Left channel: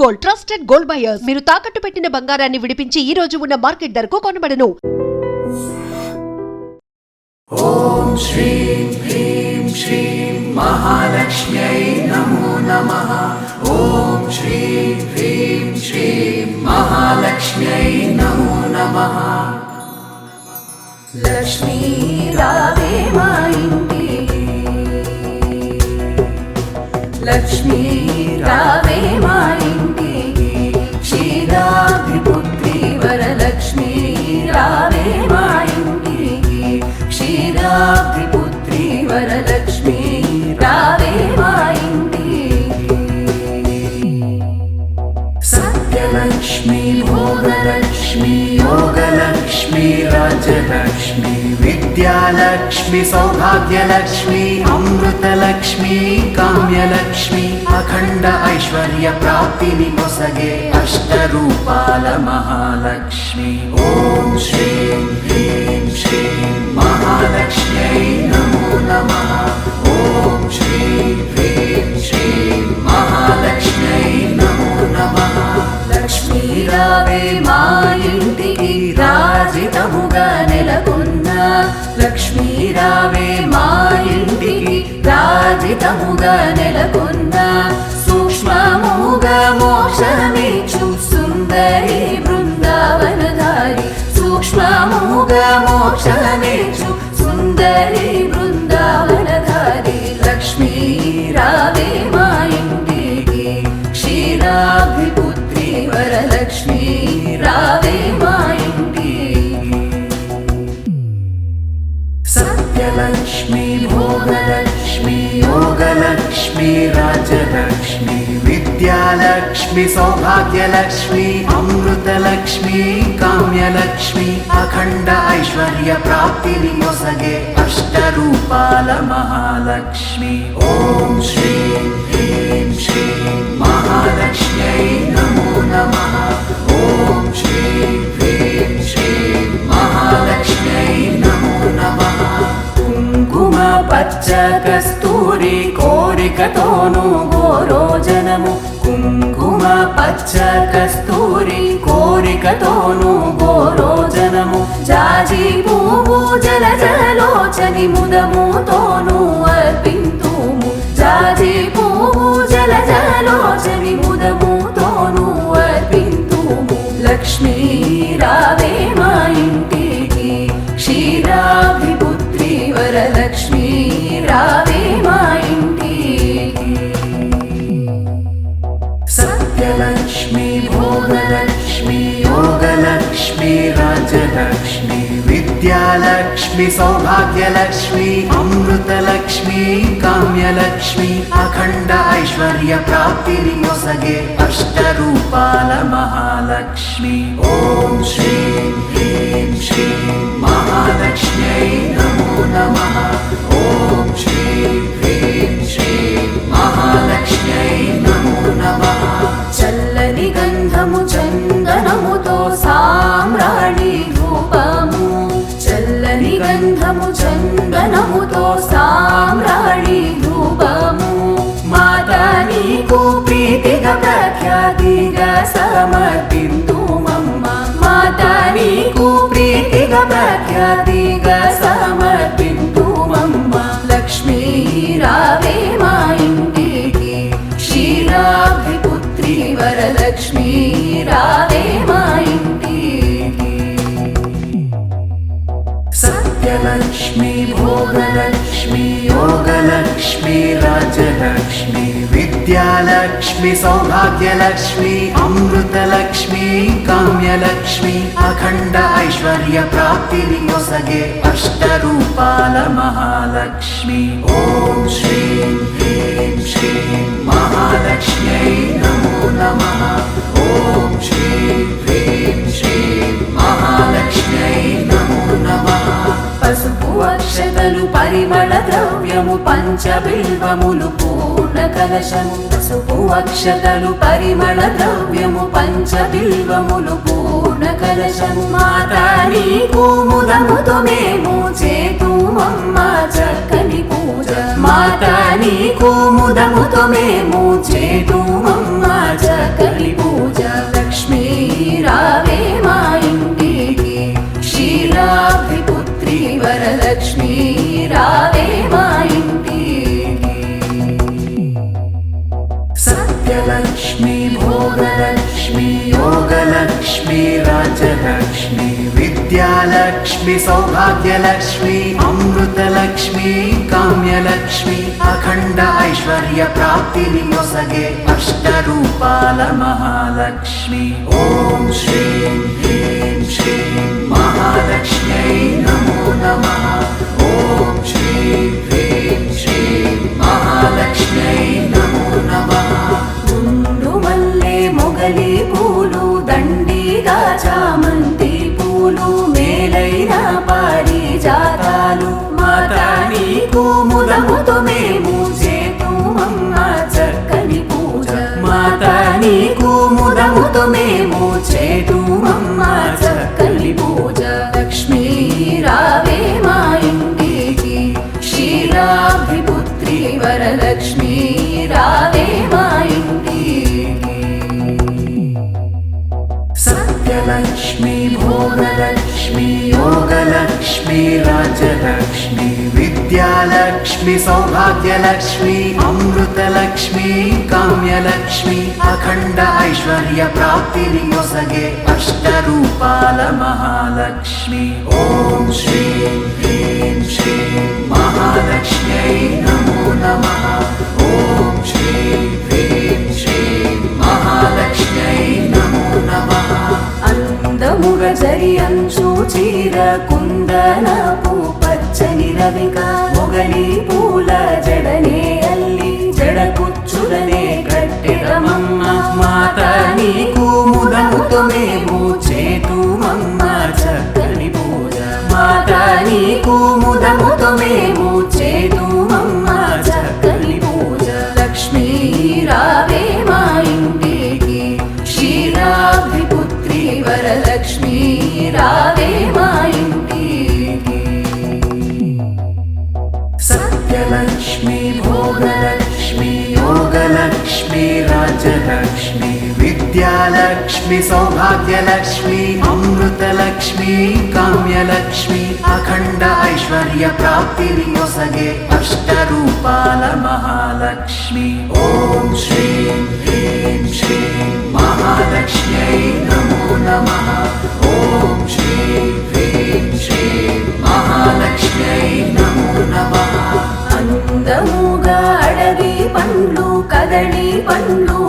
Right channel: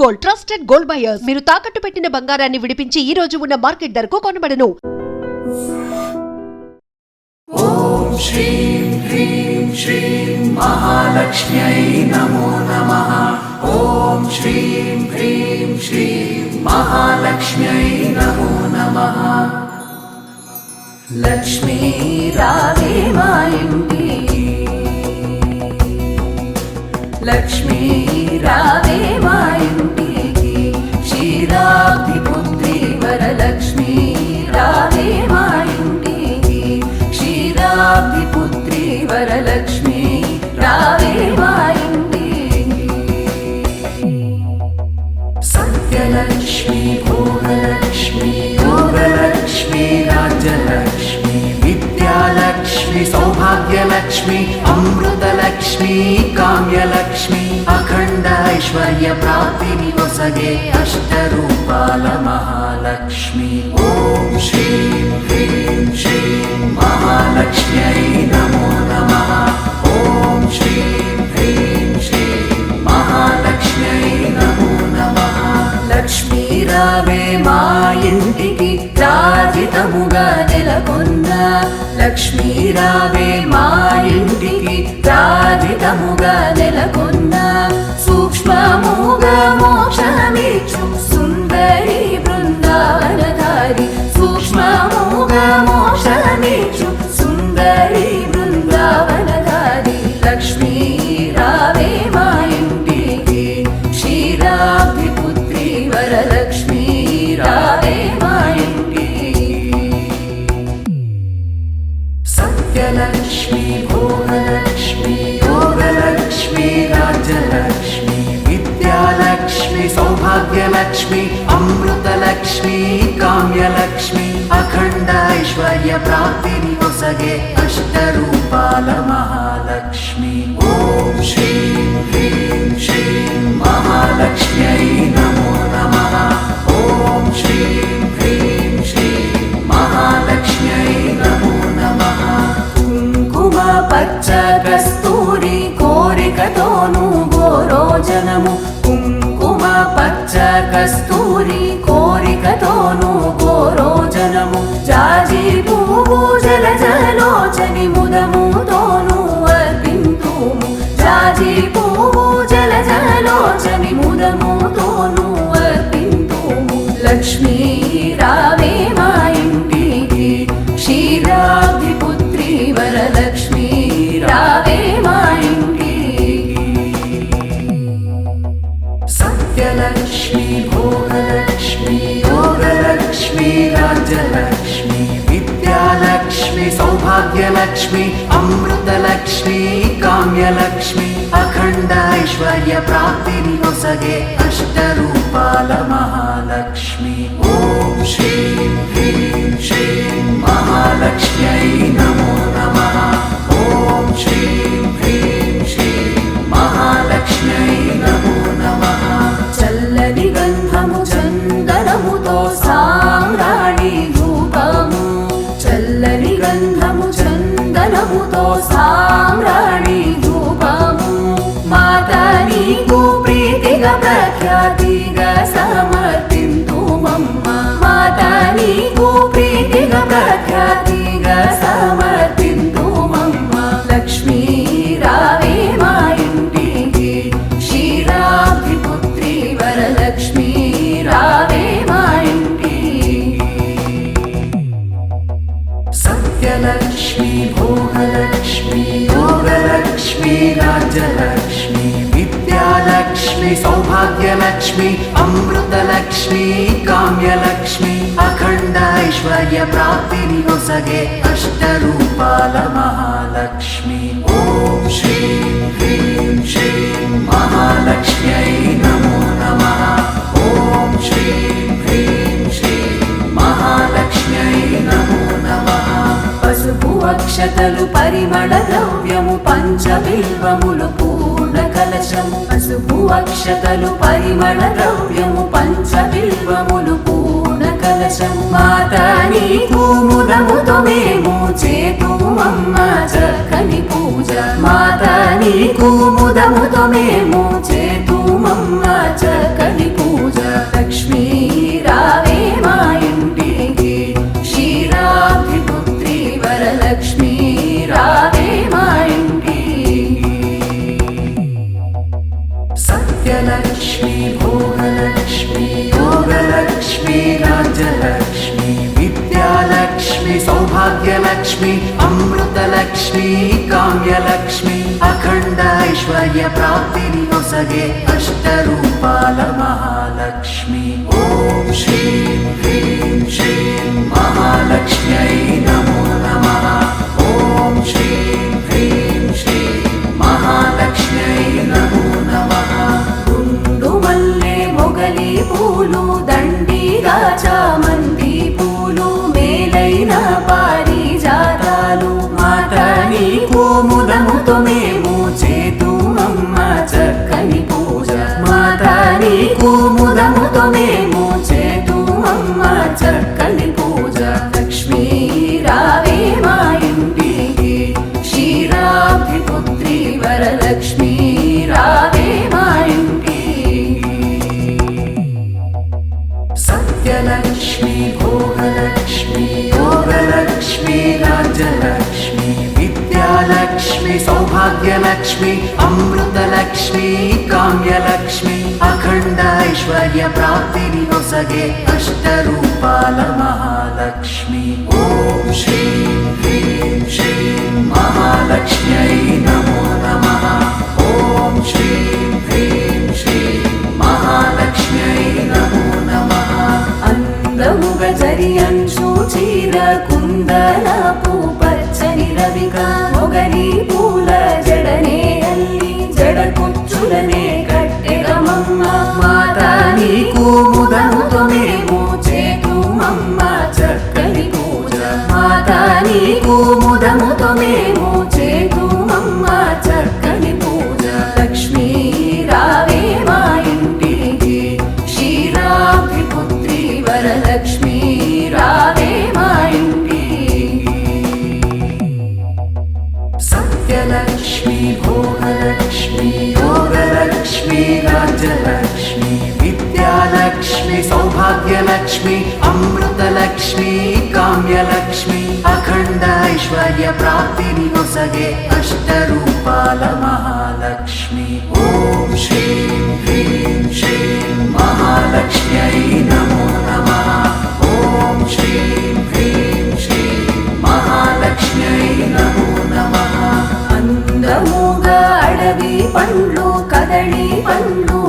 Gold, trusted gold buyers. మీరు తాకట్టు పెట్టిన బంగారాన్ని విడిపించి ఈ రోజు ఉన్న మార్కెట్ ధరకు కొనబడను. ఓం శ్రీం హ్రీం శ్రీం మహాలక్ష్మ్యై నమో నమః. ఓం శ్రీం హ్రీం శ్రీం మహాలక్ష్మ్యై నమో నమః. లక్ష్మీ రావే మా ఇంటికి, లక్ష్మీ రావే మా ఇంటికి, క్షీరాబ్ధిపుత్రి వరలక్ష్మీ రావే మా ఇంటికి, క్షీరాబ్ధిపుత్రి వరలక్ష్మీ రావే మా ఇంటికి. సత్యలక్ష్మీ భోగలక్ష్మీ యోగలక్ష్మీ రాజ్యలక్ష్మీ విద్యాలక్ష్మీ సౌభాగ్యలక్ష్మీ అమృతలక్ష్మీ కామ్యలక్ష్మీ అఖండ ఐశ్వర్య ప్రాప్తిని ఒసగే అష్టరూపాల మహాలక్ష్మి. ఓం శ్రీం హ్రీం శ్రీం మహాలక్ష్మ్యై నమో నమః. ఓం శ్రీం హ్రీం శ్రీం మహాలక్ష్మ్యై నమో నమః. లక్ష్మీ రావే మా ఇంటికి, రాజితముగా నెలకొన్న లక్ష్మీ రావే మా ఇంటికి, రాజితముగా నెలకొన్న సూక్ష్మముగా మోక్షమిచ్చు సుందరి బృందావనధారి, సూక్ష్మముగా మోక్షమిచ్చు సుందరి బృందావనధారి. లక్ష్మీ రావే మా ఇంటికి, క్షీరాబ్ధిపుత్రి వరలక్ష్మీ రావే మా ఇంటికి. సత్యలక్ష్మీ భోగలక్ష్మీ యోగలక్ష్మీ రాజ్యలక్ష్మీ విద్యాలక్ష్మీ సౌభాగ్యలక్ష్మీ అమృతలక్ష్మీ కామ్యలక్ష్మీ అఖండ ఐశ్వర్య ప్రాప్తిని ఒసగే అష్టరూపాల మహాలక్ష్మి. ఓం శ్రీం హ్రీం శ్రీం మహాలక్ష్మ్యై నమో నమః. ఓం శ్రీం హ్రీం శ్రీం మహాలక్ష్మ్యై నమో నమః. కుంకుమ పచ్చ కస్తూరి కోరికతోను గోరోజనము, కుంకుమ పచ్చ కస్తూరి కోరికతోను గోరోజనము, జాజి పువ్వు జలజలోచని ముదముతోను అర్పింతుము, జాజి పువ్వు జలజలోచని ముదముతోను అర్పింతుము. లక్ష్మీ రావే మా ఇంటికి, క్షీరాబ్ధిపుత్రి వరలక్ష్మీ రావే మా ఇంటికి. సత్యలక్ష్మీ భోగలక్ష్మీ యోగలక్ష్మీ రాజ్యలక్ష్మీ విద్యాలక్ష్మీ సౌభాగ్యలక్ష్మీ అమృతలక్ష్మీ కామ్యలక్ష్మీ అఖండ ఐశ్వర్య ప్రాప్తిని ఒసగే అష్టరూపాల మహాలక్ష్మి. ఓం శ్రీం హ్రీం శ్రీం మహాలక్ష్మ్యై నమో నమః. ఓం శ్రీం హ్రీం శ్రీం మహాలక్ష్మ్యై నమో నమః. చల్లని గంధము చందనముతో సామ్రాణి ధూపము, చల్లని గంధము చందనముతో సామ్రాణి ధూపము, మాతా నీకు ప్రీతిగా ప్రఖ్యాతిగా సమర్పింతుమమ్మ, మాతా నీకు ప్రీతిగా ప్రఖ్యాతిగా సమర్పింతుమమ్మ. లక్ష్మీ రావే మా ఇంటికి, క్షీరాబ్ధిపుత్రి వరలక్ష్మీ రావే మా ఇంటికి. సత్యలక్ష్మీ భోగలక్ష్మీ యోగలక్ష్మీ రాజ్యలక్ష్మీ విద్యాలక్ష్మీ సౌభాగ్యలక్ష్మీ అమృతలక్ష్మీ కామ్యలక్ష్మీ అఖండ ఐశ్వర్య ప్రాప్తిని ఒసగే అష్టరూపాల మహాలక్ష్మి. ఓం శ్రీం హ్రీం శ్రీం మహాలక్ష్మ్యై నమో నమః. ఓం శ్రీం హ్రీం శ్రీం మహాలక్ష్మ్యై నమో నమః. పసుపు అక్షతలు పరిమళ ద్రవ్యము పంచబిల్వములు పూర్ణ కలశము, పసుపు అక్షతలు పరిమళ ద్రవ్యము పంచబిల్వములు పూర్ణ కలశము, మాతా నీకు ముదముతో మేము చేతుమమ్మ చక్కని పూజ, మాతా నీకు ముదముతో మేము చేతుమమ్మ చక్కని सत्यलक्ष्मी भोगलक्ष्मी योगलक्ष्मी राज्यलक्ष्मी विद्यालक्ष्मी सौभाग्यलक्ष्मी अमृतलक्ष्मी काम्यलक्ष्मी अखंड ऐश्वर्य प्राप्तिनि नొసగే अष्टरूपाल महालक्ष्मी ओम श्रीं ह्रीं श्रीं महालक्ष्म्यै नमो नमः ओम श्रीं ह्रीं श्रीं महालक्ष्म्यै नमो नमः గుండు మల్లె మొగలి పూలు దండిగా చామంతి పూలు మేలైన పారిజాతాలు మాతా నీకు ముదముతో మేము చేతుమమ్మ చక్కని పూజ మాతా నీకు ముదముతో మేము చేతుమమ్మ చక్కని పూజ లక్ష్మీ రావే మా ఇంటికి క్షీరాబ్ది పుత్రి వరలక్ష్మీ రావే మా ఇంటికి सत्यलक्ष्मी भोगलक्ष्मी योगलक्ष्मी राज्यलक्ष्मी विद्यालक्ष्मी सौभाग्यलक्ष्मी अमृतलक्ष्मी काम्यलक्ष्मी अखंड ऐश्वर्य प्राप्तिनि नొసగే अष्टरूपाल महालक्ष्मी ओम श्रीं ह्रीं श्रीं महालक्ष्म्यै नमो नमः ओम श्रीं ह्रीं श्रीं महालक्ष्म्यै नमो नमः అందముగా జరి అంచు చీర కుందనపు పచ్చని రవిగా మొగలి పూల జడనే అల్లి జడ కుచ్చులనే కట్టెదమమ్మ మాతా నీకు ముదముతో మేము చేతుమమ్మ చక్కని పూజ మాతా నీకు ముదముతో మేము చేతుమమ్మ చక్కని పూజ లక్ష్మీ రావే మా ఇంటికి క్షీరాబ్ది పుత్రి వరలక్ష్మీ రావే మా ఇంటికి सत्यलक्ष्मी भोगलक्ष्मी योगलक्ष्मी राज्यलक्ष्मी विद्यालक्ष्मी सौभाग्यलक्ष्मी अमृतलक्ष्मी काम्यलक्ष्मी अखंड ऐश्वर्य प्राप्तिनि नొసగే अष्टरूपाल महालक्ष्मी ओम श्रीं ह्रीं श्रीं महालक्ष्म्यै नमो नमः ओम श्रीं ह्रीं श्रीं महालक्ष्म्यै नमो नमः అందముగా అడవి పండ్లు కదళి పండ్లు